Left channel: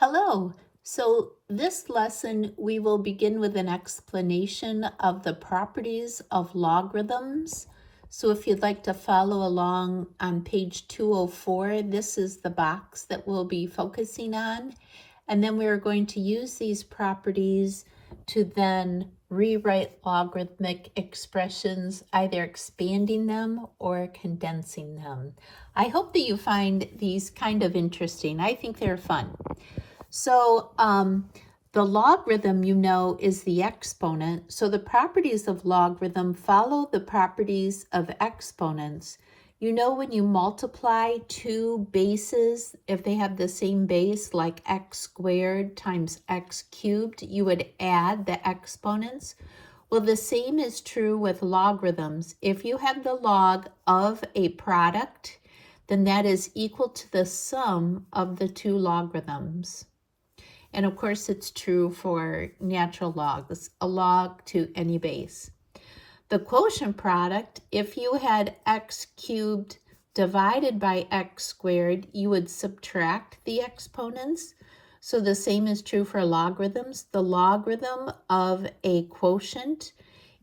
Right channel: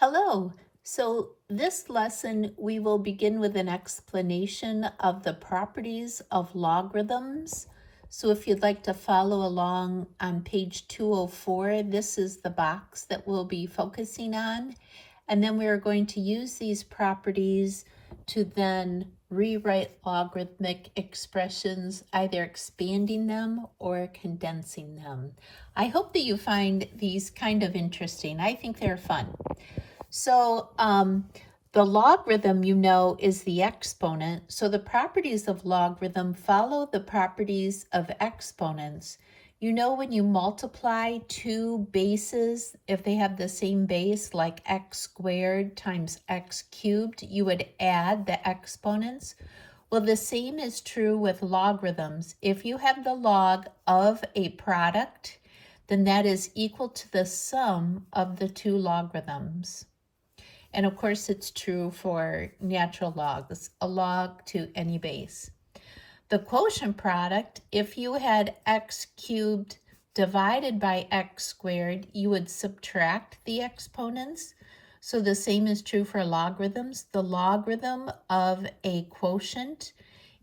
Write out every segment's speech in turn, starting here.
Hello. So this lesson, we will begin with an explanation of the properties of logarithms. So if you'd like to follow along on page 204, this is the box that we'll be focusing on. And then we're going to use these properties to then rewrite logarithmic expressions, either expanding them or condensing them. I hope that you find these kind of interesting. I think they're fun. So the logarithm, is the exponent. So the properties of logarithm follow the properties of exponents. When you multiply two bases, if they have the same base, like x squared times x cubed, you would add the exponents. Well, the same is true with logarithms. If you have the log of a product, then that is equal to the sum of the two logarithms. And of course, it's true for natural logs, a log to any base. The quotient product, if you had x cubed divided by x squared, you would subtract the exponents. So the same is true for logarithms. The logarithm of a quotient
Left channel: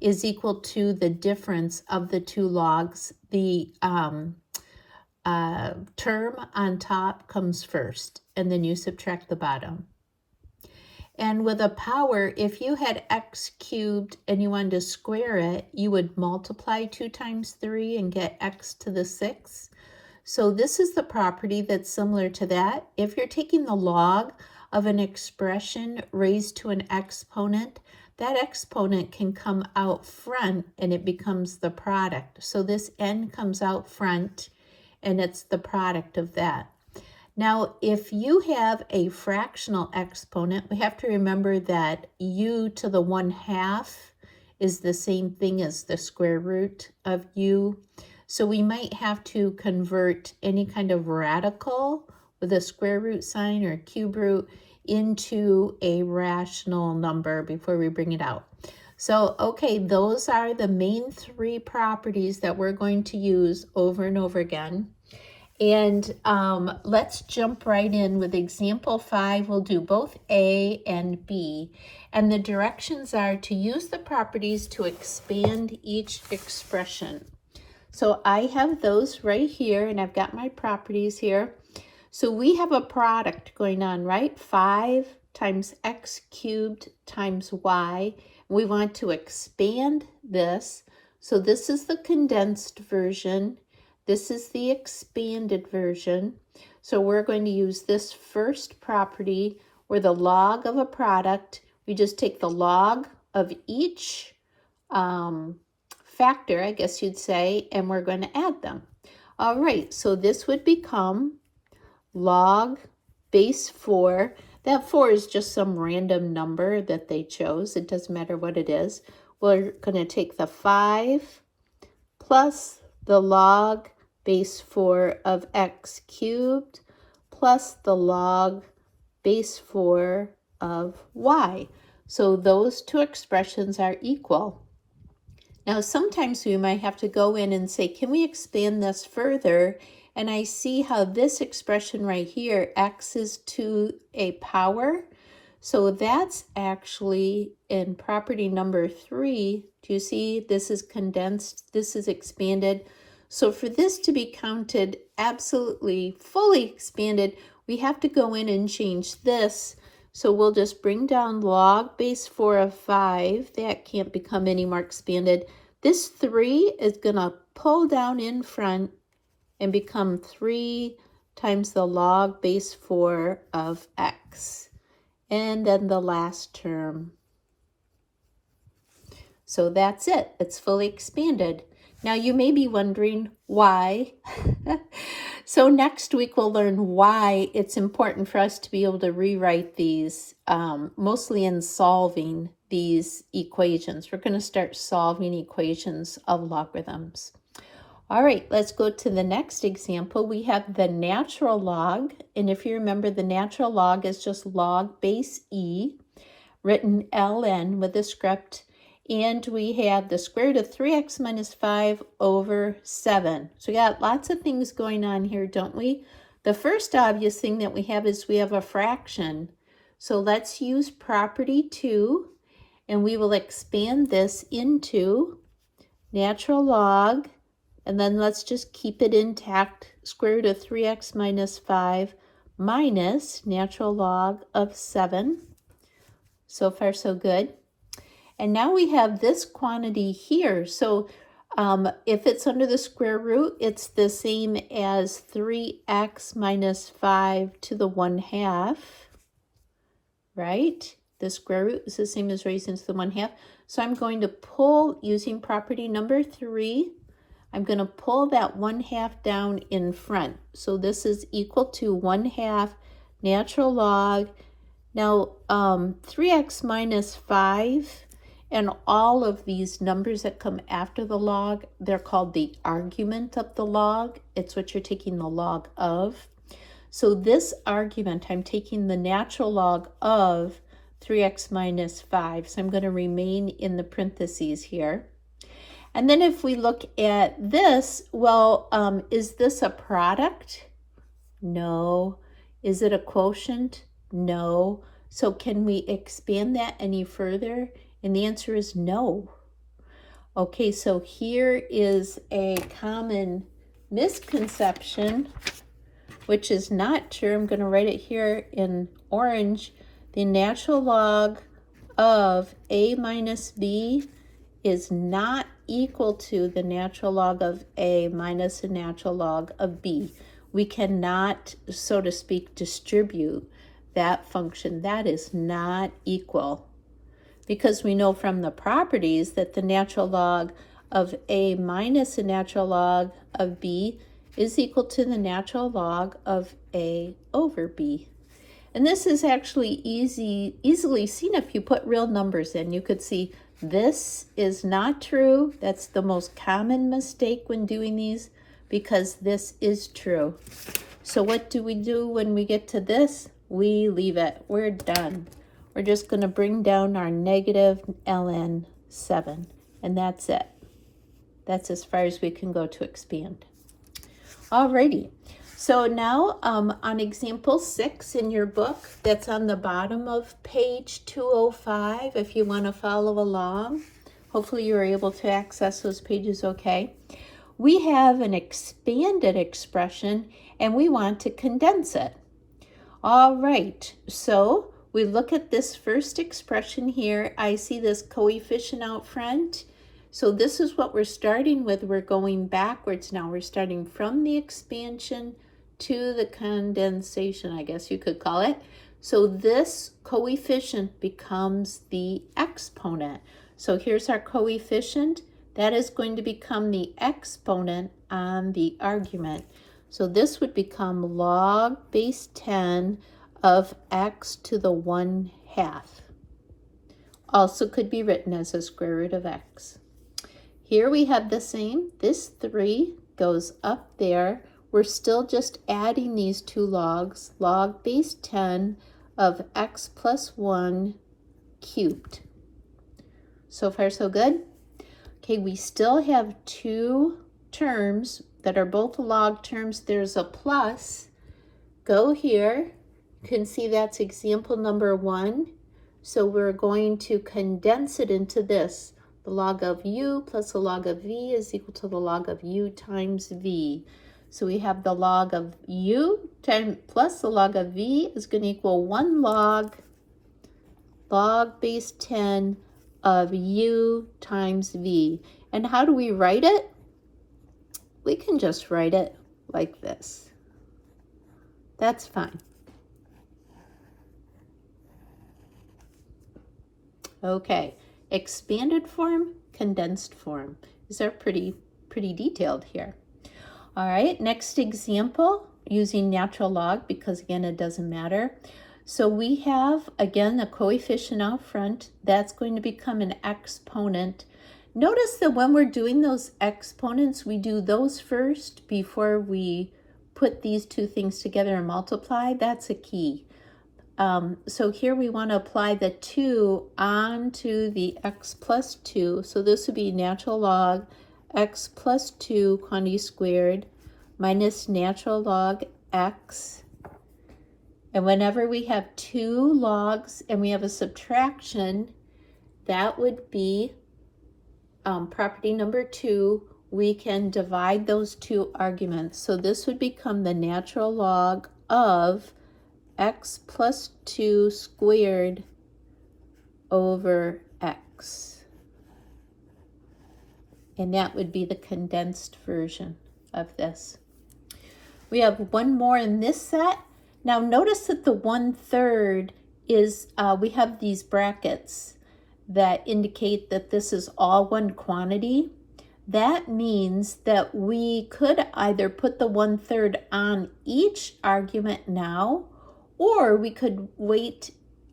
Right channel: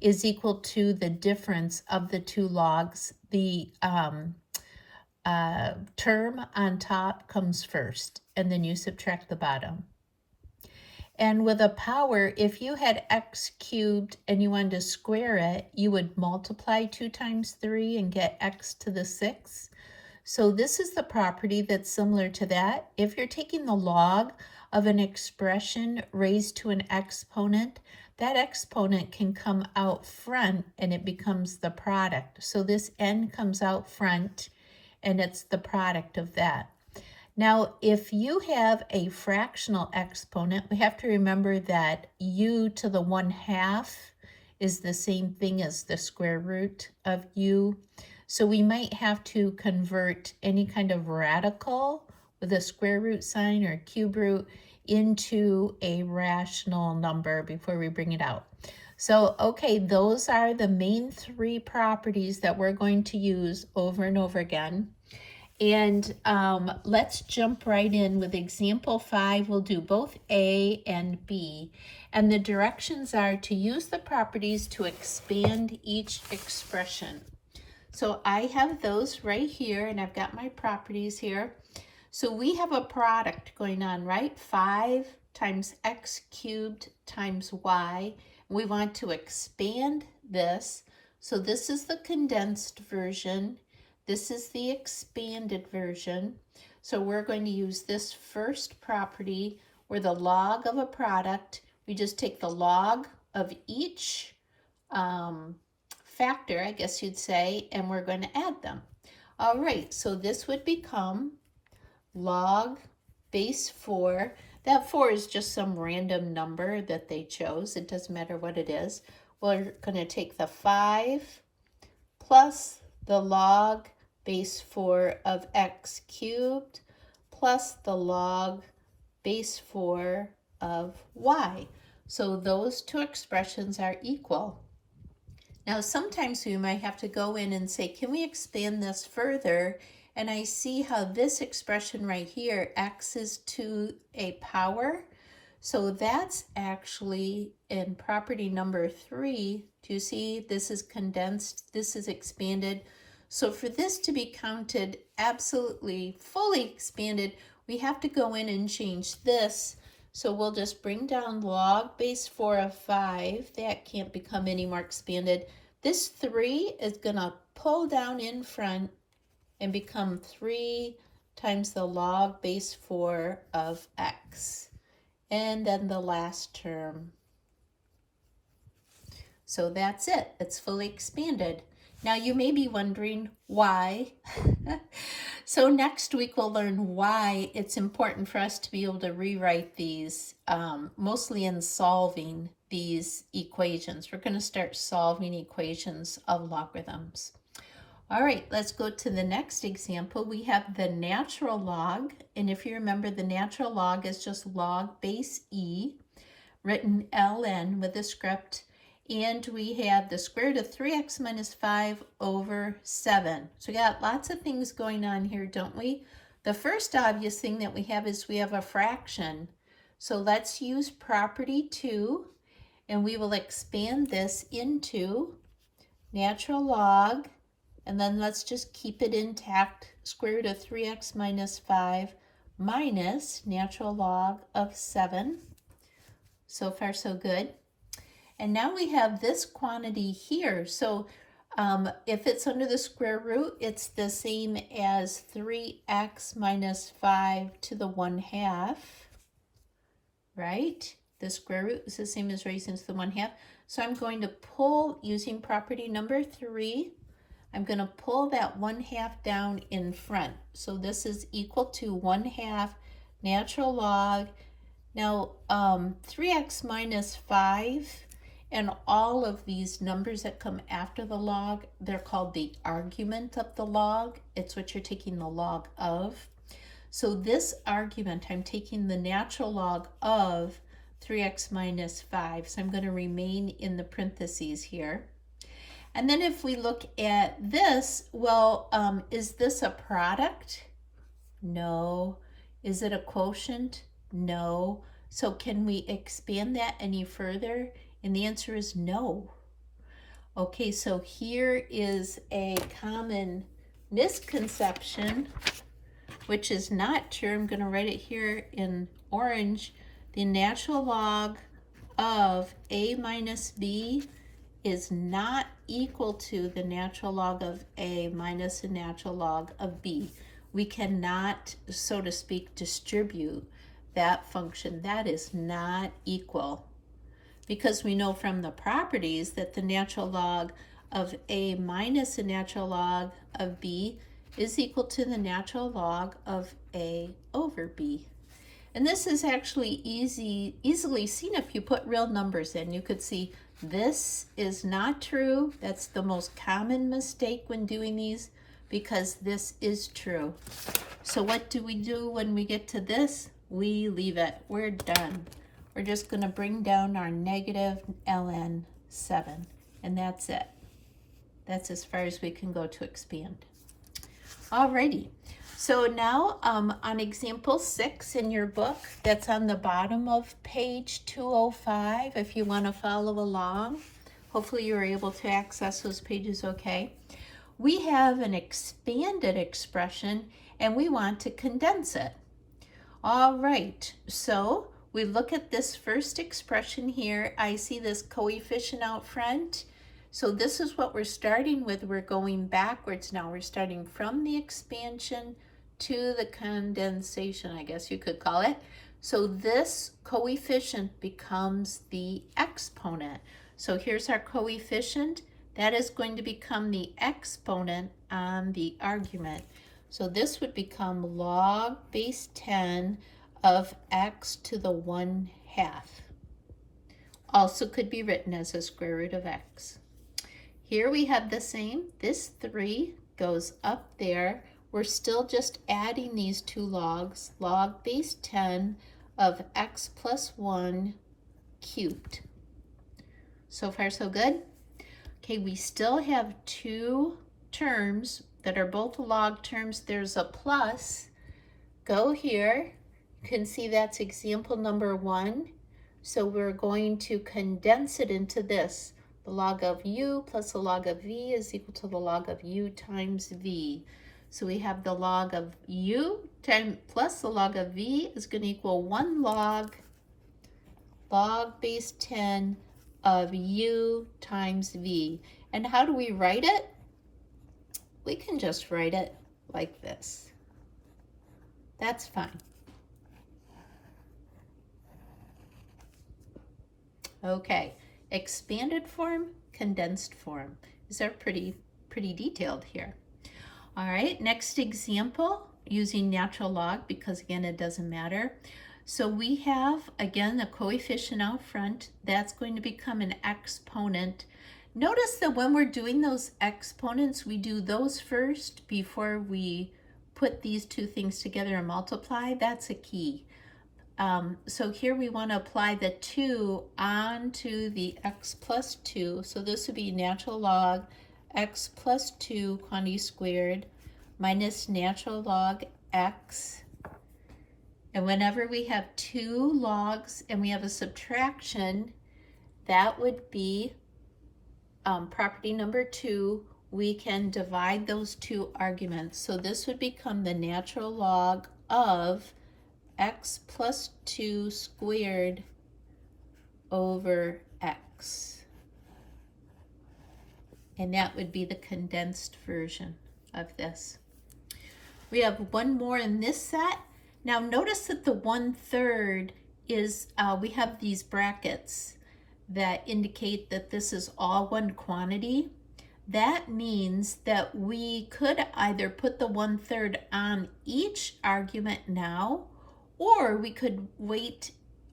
is equal to the difference of the two logs. The term on top comes first, and then you subtract the bottom. And with a power, if you had x cubed and you wanted to square it, you would multiply 2 times 3 and get x to the 6. So this is the property that's similar to that. If you're taking the log of an expression raised to an exponent, that exponent can come out front and it becomes the product. So this n comes out front and it's the product of that. Now, if you have a fractional exponent, we have to remember that u to the 1/2 is the same thing as the square root of u. So we might have to convert any kind of radical with a square root sign or cube root into a rational number before we bring it out. So, okay, those are the main three properties that we're going to use over and over again. And let's jump right in with example 5. We'll do both A and B. And the directions are to use the properties to expand each expression. So I have those right here, and I've got my properties here. So we have a product going on, right? 5 times x cubed times y. We want to expand this. So this is the condensed version. This is the expanded version. So we're going to use this first property where the log of a product, we just take the log of each factor, I guess you'd say, and we're going to add them. All right, so this would become log base 4. That 4 is just some random number that they chose. It doesn't matter what it is. We're going to take the 5 plus the log base 4 of x cubed plus the log base 4 of y. So those two expressions are equal. Now sometimes we might have to go in and say, can we expand this further? And I see how this expression right here, x is to a power. So that's actually in property number 3. Do you see this is condensed, this is expanded? So for this to be counted absolutely fully expanded, we have to go in and change this. So we'll just bring down log base 4 of 5. That can't become any more expanded. This 3 is going to pull down in front and become 3 times the log base 4 of x. And then the last term. So that's it. It's fully expanded. Now you may be wondering why. So next week we'll learn why it's important for us to be able to rewrite these, mostly in solving these equations. We're going to start solving equations of logarithms. All right, let's go to the next example. We have the natural log, and if you remember, the natural log is just log base e, written ln with the script. And we have the square root of 3x minus 5 over 7. So we got lots of things going on here, don't we? The first obvious thing that we have is we have a fraction. So let's use property 2, and we will expand this into natural log, and then let's just keep it intact, square root of 3x minus 5 minus natural log of 7. So far so good. And now we have this quantity here. So if it's under the square root, it's the same as 3x minus 5 to the 1/2, right? The square root is the same as raised into the 1/2. So I'm going to pull, using property number 3, I'm going to pull that 1/2 down in front. So this is equal to 1/2 natural log. Now 3x minus 5, and all of these numbers that come after the log, they're called the argument of the log. It's what you're taking the log of. So this argument, I'm taking the natural log of 3x minus 5. So I'm going to remain in the parentheses here. And then if we look at this, well, is this a product? No. Is it a quotient? No. So can we expand that any further? And the answer is no. Okay, so here is a common misconception, which is not true. I'm going to write it here in orange. The natural log of a minus b is not equal to the natural log of a minus the natural log of b. We cannot, so to speak, distribute that function. That is not equal, because we know from the properties that the natural log of a minus the natural log of b is equal to the natural log of a over b. And this is actually easily seen if you put real numbers in. You could see this is not true. That's the most common mistake when doing these, because this is true. So what do we do when we get to this? We leave it. We're done. We're just going to bring down our negative ln 7, and that's it. That's as far as we can go to expand. Alrighty, so now on example 6 in your book, that's on the bottom of page 205, if you want to follow along. Hopefully you were able to access those pages okay. We have an expanded expression, and we want to condense it. All right, so we look at this first expression here. I see this coefficient out front. So this is what we're starting with. We're going backwards now. We're starting from the expansion to the condensation, I guess you could call it. So this coefficient becomes the exponent. So here's our coefficient. That is going to become the exponent on the argument. So this would become log base 10 of x to the 1/2. Also could be written as a square root of x. Here we have the same. This 3 goes up there. We're still just adding these two logs. Log base 10 of x plus 1 cubed. So far so good. Okay, we still have two terms that are both log terms. There's a plus. Go here. You can see that's example number 1. So we're going to condense it into this. The log of u plus the log of v is equal to the log of u times v. So we have the log of u plus the log of v is going to equal 1 log base 10 of u times v. And how do we write it? We can just write it like this. That's fine. Okay, expanded form, condensed form. These are pretty detailed here. All right, next example, using natural log, because again, it doesn't matter. So we have, again, a coefficient out front. That's going to become an exponent. Notice that when we're doing those exponents, we do those first before we put these two things together and multiply. That's a key. So here we want to apply the 2 onto the x plus 2. So this would be natural log x plus 2 quantity squared minus natural log x. And whenever we have two logs and we have a subtraction, that would be property number 2. We can divide those two arguments. So this would become the natural log of x plus 2 squared over x. And that would be the condensed version of this. We have one more in this set. Now notice that the 1/3 is, we have these brackets that indicate that this is all one quantity. That means that we could either put the 1/3 on each argument now, or we could wait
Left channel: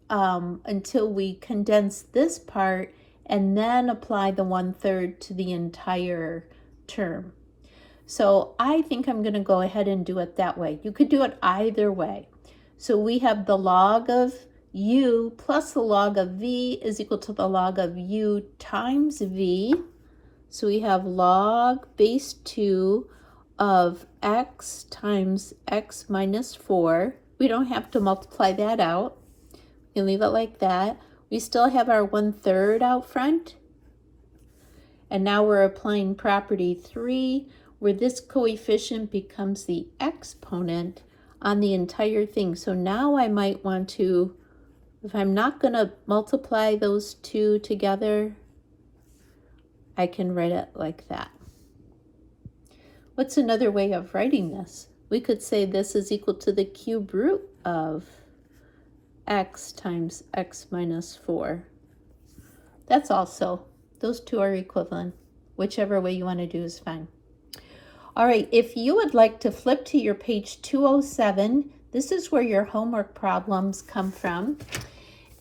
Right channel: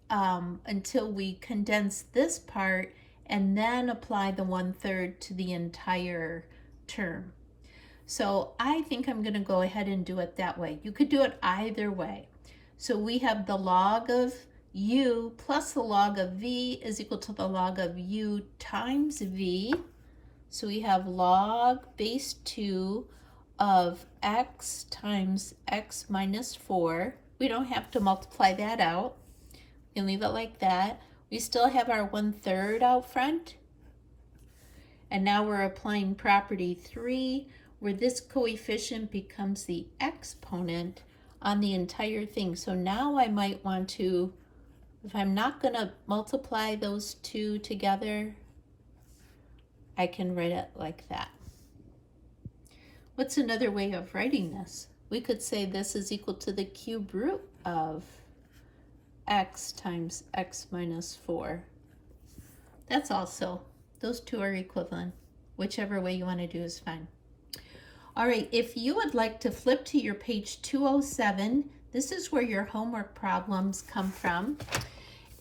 until we condense this part and then apply the 1/3 to the entire term. So I think I'm going to go ahead and do it that way. You could do it either way. So we have the log of u plus the log of v is equal to the log of u times v. So we have log base 2 of x times x minus 4. We don't have to multiply that out. You leave it like that. We still have our 1/3 out front. And now we're applying property 3, where this coefficient becomes the exponent on the entire thing. So now I might want to, if I'm not going to multiply those two together, I can write it like that. What's another way of writing this? We could say this is equal to the cube root of x times x minus 4. That's also, those two are equivalent. Whichever way you want to do is fine. All right, if you would like to flip to your page 207, this is where your homework problems come from.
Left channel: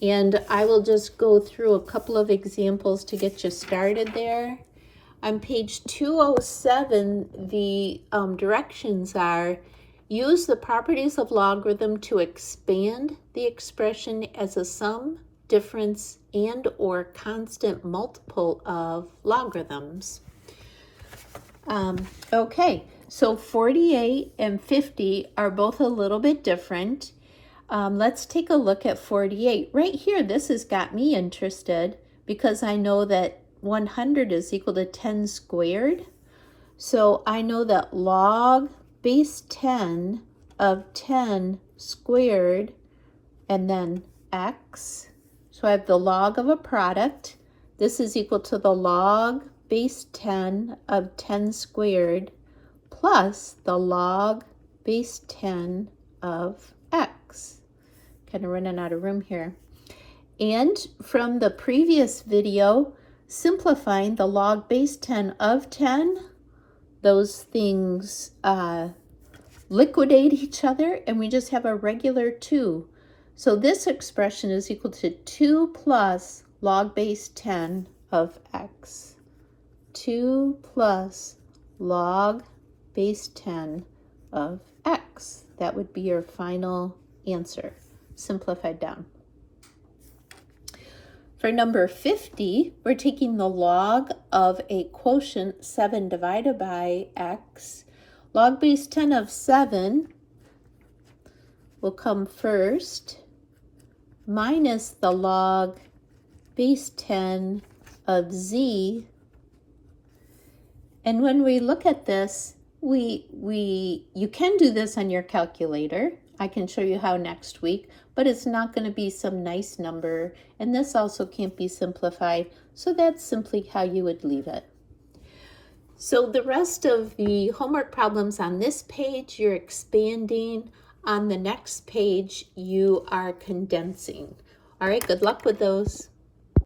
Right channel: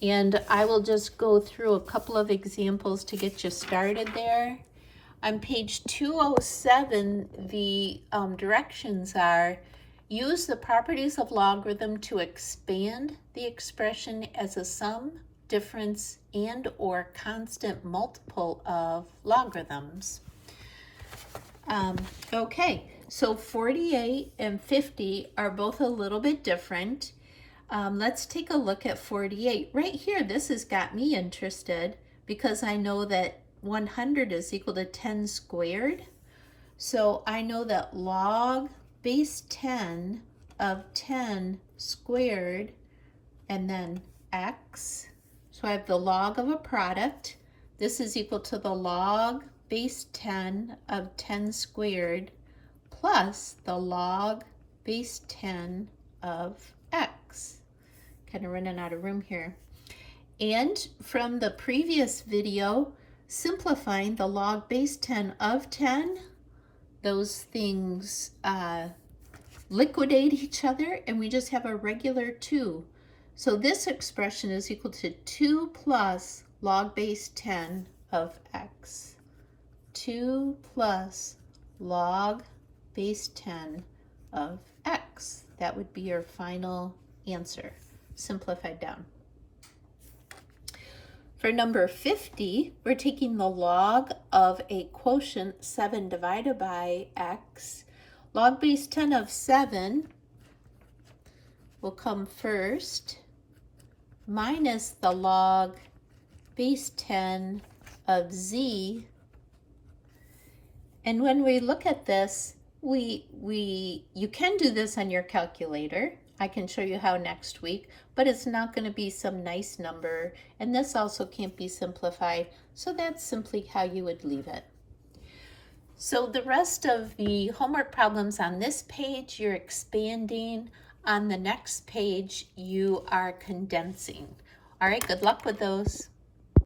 And I will just go through a couple of examples to get you started there. On page 207, the directions are: use the properties of logarithm to expand the expression as a sum, difference, and or constant multiple of logarithms. Okay, so 48 and 50 are both a little bit different. Let's take a look at 48. Right here, this has got me interested because I know that 100 is equal to 10 squared. So I know that log base 10 of 10 squared and then x. So I have the log of a product. This is equal to the log base 10 of 10 squared plus the log base 10 of x. Kind of running out of room here. And from the previous video, simplifying the log base 10 of 10, those things liquidate each other and we just have a regular 2. So this expression is equal to 2 plus log base 10 of x. 2 plus log base 10 of x. That would be your final answer, simplified down. For number 50, we're taking the log of a quotient 7 divided by x. Log base 10 of 7 will come first, minus the log base 10 of z. And when we look at this, you can do this on your calculator. I can show you how next week, but it's not going to be some nice number, and this also can't be simplified, so that's simply how you would leave it. So the rest of the homework problems on this page, you're expanding. On the next page, you are condensing. All right, good luck with those.